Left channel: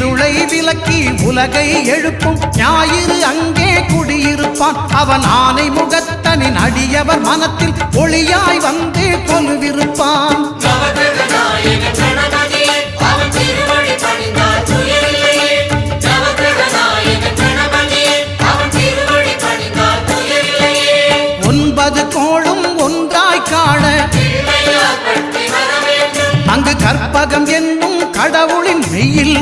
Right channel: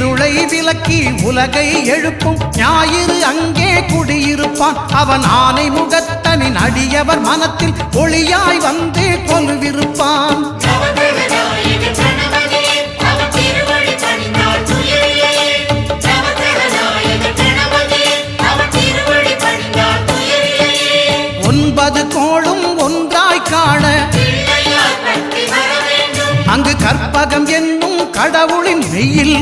இருளை விலக்கி உலகை எழுப்பும் ஞாயிறு அங்கே குடியிருப்பான். அவன் ஆனை முகத்தனின் அடியவர் மனத்தில் ஒளியாய் வந்து கொலுவிருப்பான். ஒன்பது கோளும் ஒன்றாய் காண அங்கு கற்பகம் என்னும் கடவுளின் மெய்யில்